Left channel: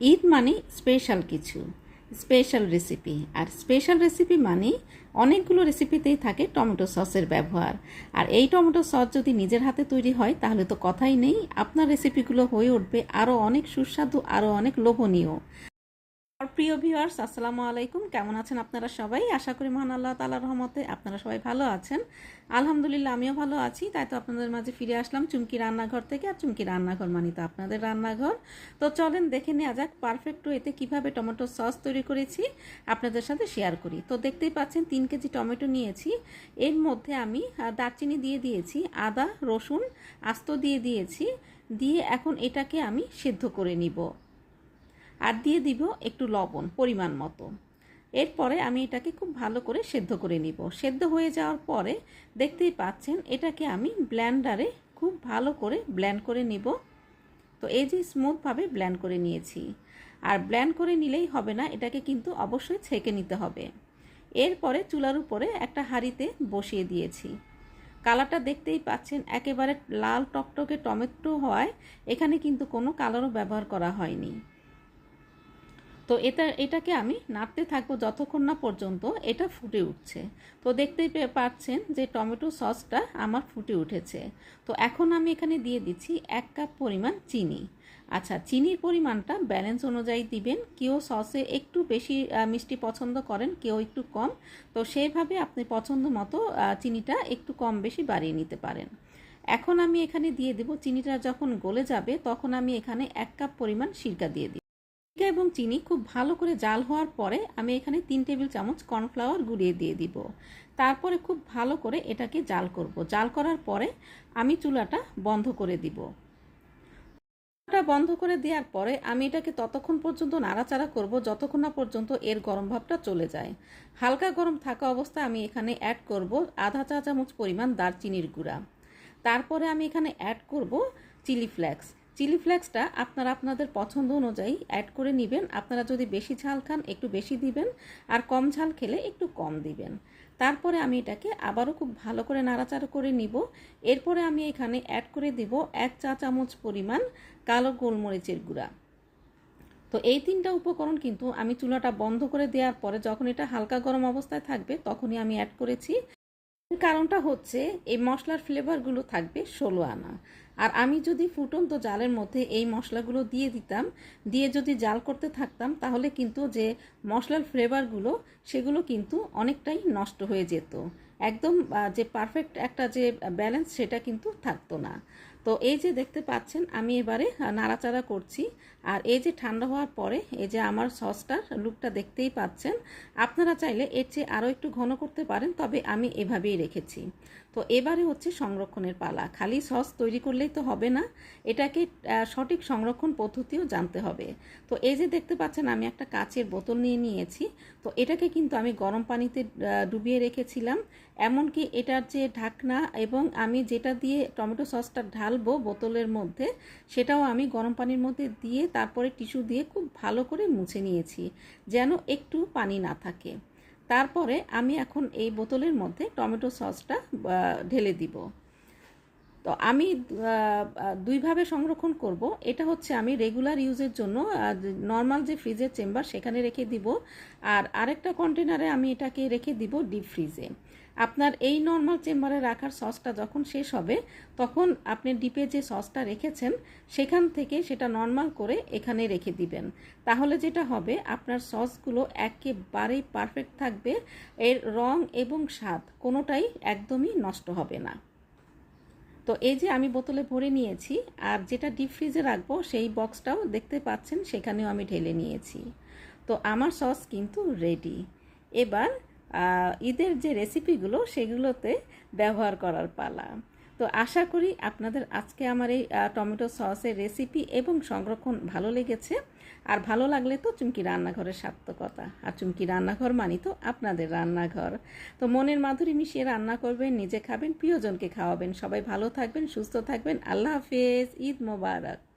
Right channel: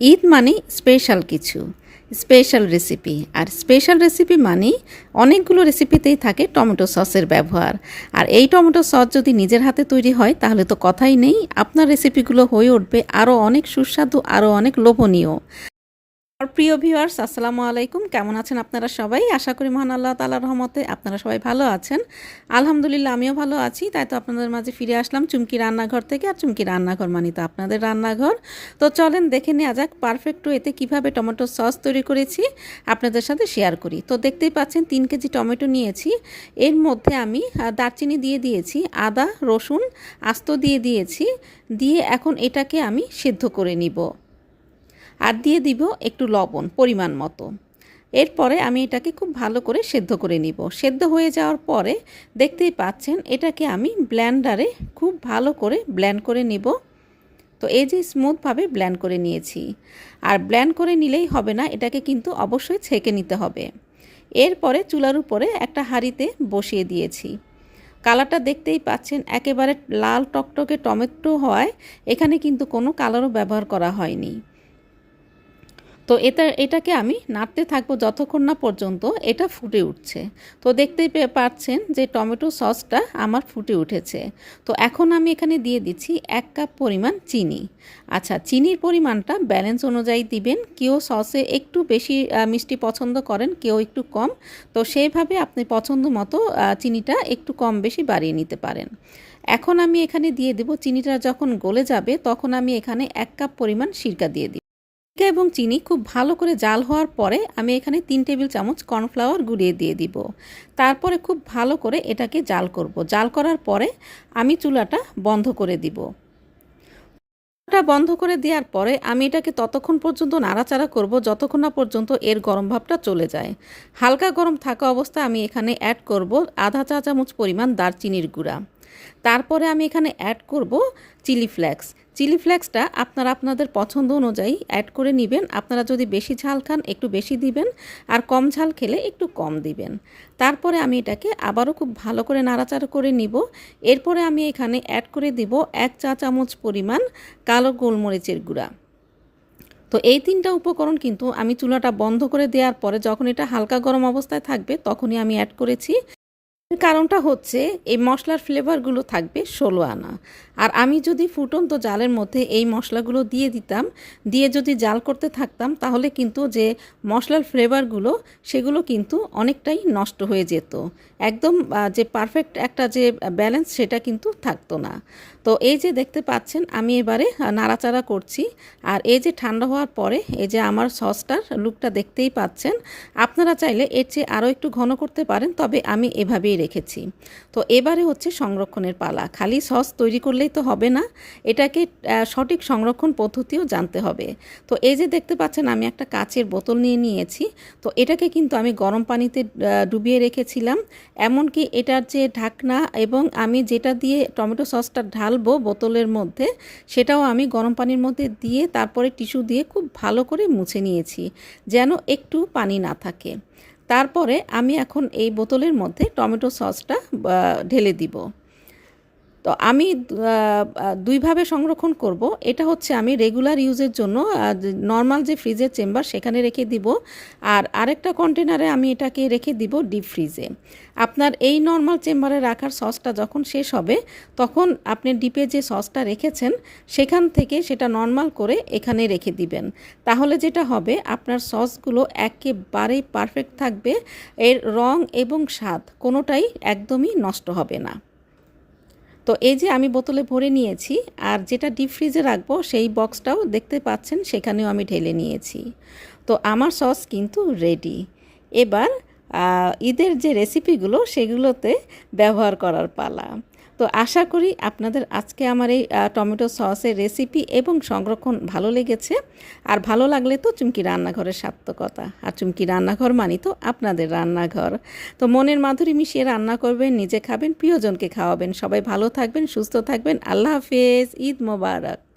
ঈদ মানে স্পেশাল কিছু special recipe আর স্পেশাল রেসিপি মানে অনেকগুলো রেসিপিতেই থাকে টমেটো সসের ব্যবহার। আর এই টমেটো সস যদি নিজের হাতে তৈরি হয়, তাহলে তো কথাই নেই, আপনার রেসিপিগুলো হয়ে উঠবে আরও অনেক সুস্বাদু আরও অনেক লোভনীয়। আর প্রিয় ভিউয়ার্স, আসসালামু আলাইকুম। কেমন আছেন আপনারা সবাই? আশা করি মহান আল্লাহ তালার রহমতে আপনারা সবাই ভালো আছেন। আলহামদুলিল্লাহ, আমিও ভালো আছি। তাই তো আপনাদের মাঝে ফিরে আসলাম চুমকি রান্নাঘর থেকে, আর চুমকি রান্নাঘর মানি তো আপনাদের রান্নাঘর। তো চলেন দেখে নেওয়া যাক পারফেক্ট এতে কীভাবে টমেটো সস তৈরি করেছি, আপনাদের সাথে শেয়ার করি। তো দেখতেই পাচ্ছেন, তিন কেজি টমেটো নিয়েছি। এর মধ্যে আমি দারচিনি দিয়ে দিয়েছি, আদা, রসুন, আস্ত দিয়ে দিয়েছি। দিয়ে এখন এটাকে আমি সিদ্ধ করে নিব। আর দিয়ে দিব একটু লবণ, পরিমাণ মতো। এরপরে আমি এটাকে খুব ভালো করে সেদ্ধ করে নিব। সেদ্ধ হয়ে যাওয়ার পরে দেখতেই পাচ্ছেন, এটাকে আমি ব্ল্যান্ডারে খুব ভালো করে ব্ল্যান্ড করে নিব। তো এই যে স্মুথভাবে ব্ল্যান্ড করে নিয়েছি। আর ব্ল্যান্ড করে নিলেই হবে না, এটাকে কিন্তু অবশ্যই ছেঁকে নিতে হবে। এরপরে চুলার উপরে একটা হাঁড়িতে বসিয়ে দিয়েছি। কালারটা দেখতেই পাচ্ছেন, একেবারে লাল টকটকে টমেটো হয় এখানে কিন্তু কোনো কালারও ব্যবহার করা হয়নি। তো এটা, এটাকে আমি নাড়তে থাকব যতক্ষণ না পর্যন্ত এটা ফুটে উঠছে। তো দেখতেই পাচ্ছেন যে টমেটো সসটা আমার ফুটে উঠেছে। তো এখন আমি এখানে দিয়ে দিচ্ছি এক কাপ পরিমাণ চিনি। আচ্ছা চিনির পরিমাণটা ব্যালেন্স অনুযায়ী দিবেন। কেউ সসে একটু বেশি মিষ্টি পছন্দ করেন, কেউ একটু কম। তো সেইভাবে আপনি পছন্দ মতো চিনিটা একটু কম বেশি বাড়িয়ে নিতে পারেন। এখন আমি এখানে দিয়ে দেব, চিনিটা যখন গলে যাবে তখন আমি এখানে এক কাপ পরিমাণ সিরকা দিয়ে দিই এবং চিনি খুব ভালো করে জাল হওয়ার পরে আমি এখানে তিন টেবিল চামচ কর্নফ্লাওয়ার গুঁড়িয়ে দিয়ে দিব। তারপরে খুব ভালো করে এটাকে জাল করব। জাল করার পরে আমি চুলাটা বন্ধ করে দিব। চুলাটা বন্ধ করে দেওয়ার পরে আমি এটাকে ততক্ষণ পর্যন্ত নাড়াচাড়া করব যতক্ষণ না পর্যন্ত এর গরম ভাবটা চলে যায়। হালকা গরম থাকা অবস্থায় আমি এখানে অ্যাড করব আধা চা চামচ পরিমাণ দারচিনির গুঁড়া। তারপরে আমি এখানে অ্যাড করব চিলি ফ্লেক্স চিলি ফ্লেক্সটা আপনারা আপনাদের পছন্দ অনুযায়ী অ্যাড করে নেবেন। আপনারা যদি বেশি ঝাল খান, একটু বেশি দিবেন আর কম ঝাল খেলে একটু কম দিবেন। তারপরে আমি এটাকে আবারও খুব ভালো করে নাড়াচাড়া করে নিব। এরপরে আমি এখানে অ্যাড করে দিব এক চা চামচ পরিমাণ কালো গোলমরিচের গুঁড়া। তো এই তিনটা উপকরণ কিন্তু আমি চুলাটা বন্ধ করে দেওয়ার পরে যখন এটা হালকা গরম অবস্থায় থাকবে, তখনই আমি অ্যাড করেছি কারণটা হচ্ছে এই মশলার ফ্লেভারগুলো থাকবে ষোলো আনা। আর আমি যদি ফুটন্ত জালের মধ্যে এই মশলাগুলো দিয়ে দিতাম, দিয়ে যদি জাল করতে থাকতাম, তাহলে কিন্তু যে মশলার ফ্লেভারগুলো সেগুলো কিন্তু অনেকটাই নষ্ট হয়ে যেত। একদম যে পারফেক্ট একটা যে ব্যালেন্স সেটা কিন্তু থাকতো না। তো এই যে দেখতে পাচ্ছেন, আমি এবারে নাড়াচাড়া করছি। আর এই যে ঠান্ডা হওয়ার পরে, এই যে আমার সসটার লুকটা দেখতেই পাচ্ছেন। আপনারা চাইলে এর চেয়ে আরও একটু ঘন করতে পারেন, তবে আমি এভাবেই রেখেছি। তো এবারে হচ্ছে সংরক্ষণের পালা। খালি সস তৈরি করলেই তো হবে না, এটাকে সঠিক সংরক্ষণ পদ্ধতিও জানতে হবে। তো এই যে দেখতে পাচ্ছেন, আমি একটা কাচের বোতল নিয়ে নিয়েছি। তো এটাকে কিন্তু আমি গরম পানিতে ডুবিয়ে রেখেছিলাম। এমনকি এটার যে ঢাকনা এবং আমি যেটা দিয়ে টমেটো সসটা ঢালবো বোতলের মধ্যে, সেটাও আমি গরম পানির মধ্যে দিয়ে তারপরে টিস্যু দিয়ে খুব ভালো করে মুছে নিয়েছি, যেন একটু পানি না থাকে। তারপরে আমি এখন এই বোতলের মধ্যে টমেটো সসটা ঢেলে দিব। তো আমি দুইভাবে সংরক্ষণ করব। এটা হচ্ছে আমি রেগুলার ইউজের জন্য নর্মাল যে ফ্রিজের চেম্বার সেখানে রেখে দিব। আর আরেকটা কন্টেনারে আমি এটাকে রেখে দিব ডিপ ফ্রিজে আপনার এই নর্মাল চেম্বারে রাখার সসটা যখন শেষ হবে, তখন আপনি ডিপে যে সসটা রেখেছেন, সেখান থেকে সেটা নর্মাল করে এখানে রেখে দিবেন। তাহলে যেটা হবে, আপনার সসগুলো একেবারেই পারফেক্ট থাকবে। এর রং এবং স্বাদ কোনোটাই একদমই নষ্ট হবে না। তো এই যে আমি বোতলে ভরে নিয়েছি আর যেটা ডিপ ফ্রিজে রাখব সেই বক্সটাও দেখতে পাচ্ছেন, সেখানেও আমি ঢেলে নিয়েছি। তো আমার সস কিন্তু রেডি এবার ঈদের যে রেসিপিগুলো সেগুলোতে ব্যবহার করার পালা। তো আশা করি আপনাদের আজকে আমার এই টমেটো সসের রেসিপি এবং সংরক্ষণ ভালো লেগেছে। আর ভালো লাগলে তো চুমকি রান্নাঘরের সার্থকতা। আর চুমকি রান্নাঘর মানি তো আপনাদের রান্নাঘর। তো মনের মাধুরী মিশিয়ে রান্না করবেন, নিজে খাবেন, প্রিয়জনকে খাওয়াবেন। সবাই ভালো থাকবেন, সুস্থ থাকবেন। আল্লাহ হাফেজ, ঈদ মোবারক।